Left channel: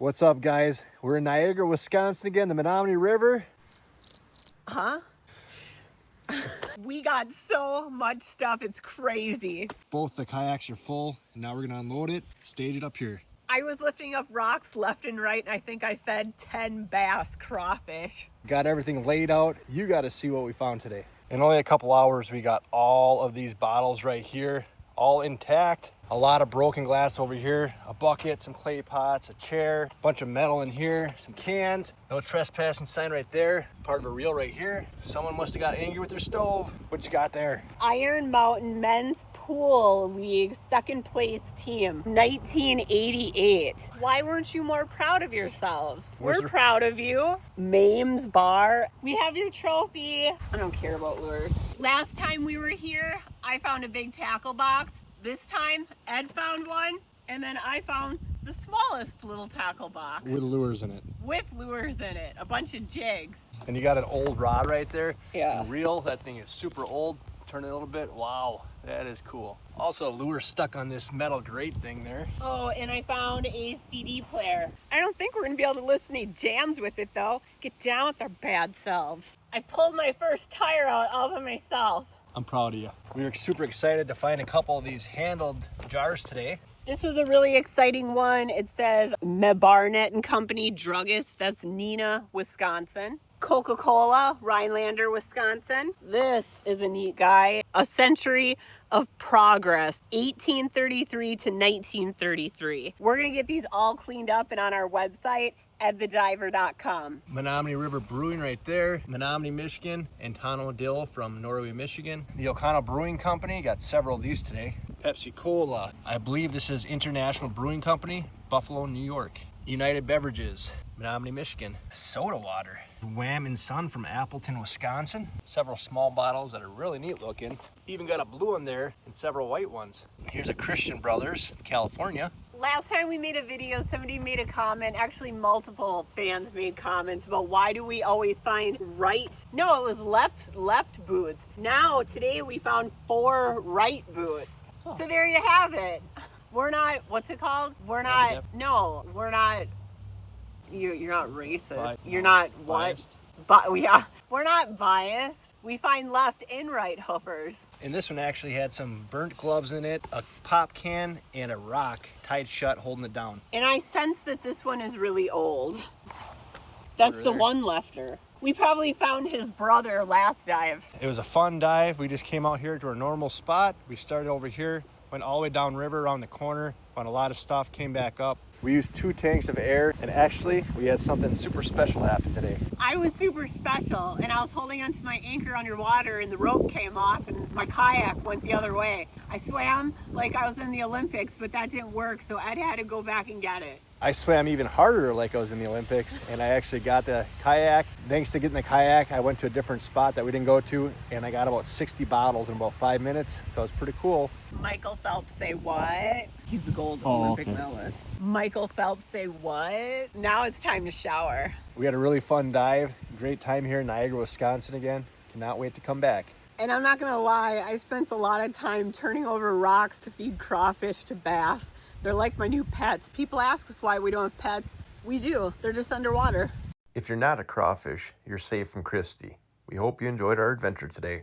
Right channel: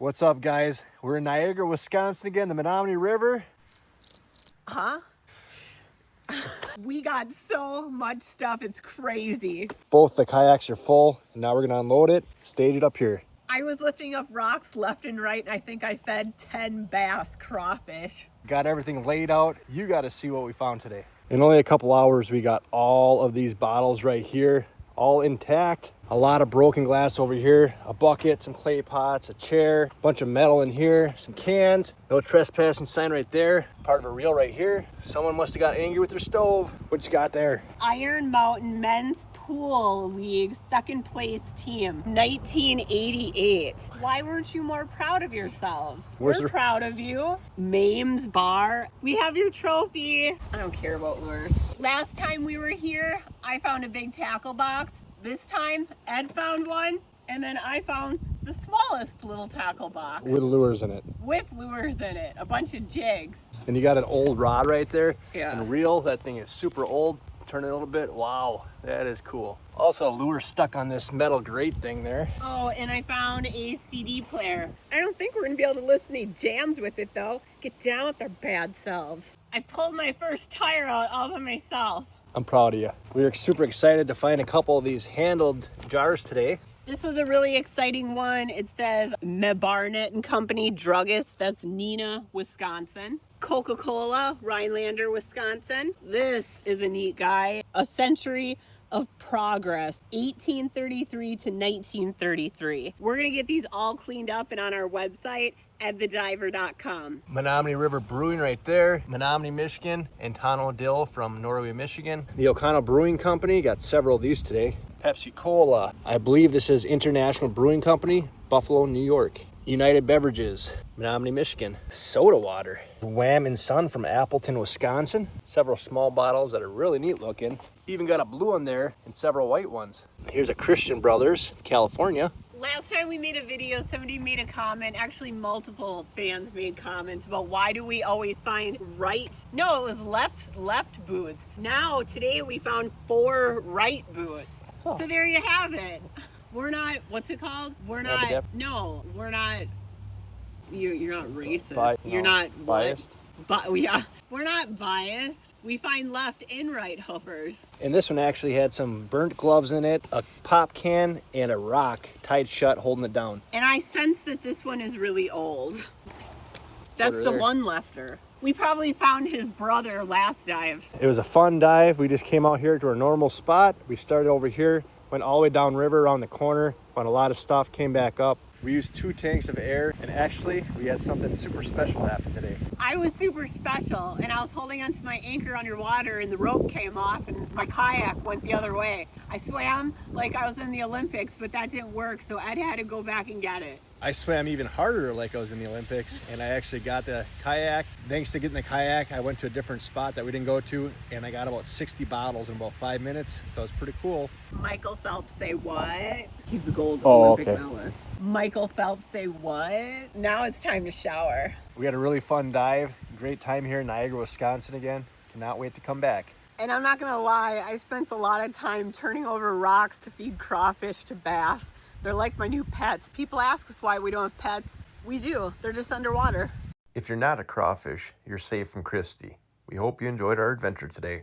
What's up, guys? We're in Niagara, Wisconsin again, the Menominee River. Huh? We got so much stuff, it's crazy. Both the kayaks are full, and now we're gonna unload it, stage it up here. I was lifting up rocks left and right, and I think I fed 10 bass crawfish. Got everything laid out. You gotta see what we found today. In only a couple hours, we got all of these bottles right here, all intact. A lot of broken glass over here, a bucket, some clay pots, a chair, a bunch of metal in here, some cans, no trespassing sign right there, part of a reel right here. Someone must have got angry with their stove. What you got there? Iron Mountain Men's Pool League second place team, 1988. Why weren't you more proud of yourselves? We're proud of you. Mames Bar, we have your trophy. I don't care about lures. Last time we were here, I found a big tackle box. This time, Ed found one, and then I found the smallest little tackle box. With lures in it. With lures in it, a bunch of jigs. And you got an old rod right there. Yeah. And the reel, that thing is super old. Turn it a little bit. Wow, that is cool. Also, a lure stuck on this metal grate thing there. Oh, and I found a CD player. I don't think we're gonna be able to listen to any jams with it though. Get down with our bad selves. I pulled my first tire out all by myself. I'm proud of you. We were super excited to find a couple of these handled jars today. This was a really exciting one. It says Barnett and Company Druggist. That's Neenah, Wisconsin. Coca-Cola, Rhinelander, Wisconsin. This is a neat guy. A Century of Progress, 1833 to 1933. We're gonna get these all cleaned up and on our website at thediver.com. Menominee River Brewing right there, Menominee, Michigan, and Tano Dill from Norway, Michigan. The O'Connell Brewing Company, got several of these today. Pepsi Cola, I believe this is International Brewing Company, Buffalo, New York. United Beverages, Menominee, Michigan. Soda water. Wham and Son from Appleton, Wisconsin. Several small bottles that are really neat looking. Even got a blue one there and several white ones. Here's a Christian Brothers, California. Last time we made a video, somebody made a comment, actually multiple fans made comments about why do we always find right? No, it was left boots. Now, today we found 4 right boots. Huh. So there you have it. We're not, what's it called? We're not, no, we're not, you're not racist. You're not what? Biased. But yeah, we're not biased. We find left and right hoofers. And this one actually had some burnt gloves in it, a pop can, and a rock tied shut holding it down. And I sense that this one is really old. That's the one lefter. We probably found his brother last dive. It was a fun dive. We just came out here to our normal spot. We started over here, went all the way down river around the corner, found a lot of stuff, came back up. We used 2 tanks of air, and actually we had something super special happen today. I was super special, and I was holding onto my anchor underwater, and the rope came off, and my kayak went the other way. I swam like I was in the Olympics, but that didn't work, so Ed had to go back and get it. I swam even harder like I was in the Olympics, and I actually got the kayak. Thanks to getting the kayak, I went to a different spot that we didn't go to, and I got about 60 bottles in about 5 minutes, so it's pretty cool. Michael Phelps say what? He's the gold Olympic medalist. Michael Phelps say what? Now it's time to shower. We had a really fun dive. Great time here in Niagara, Wisconsin again. Cannot wait to come back. And I'm not gonna lie, I spent a lot of time turning over rocks to feed crawfish to bass. They're like my new pets. People ask us why we don't have pets. We do, they're just underwater. If you're not a crawfish, you're safe from Christie. We hope you enjoyed our adventure today.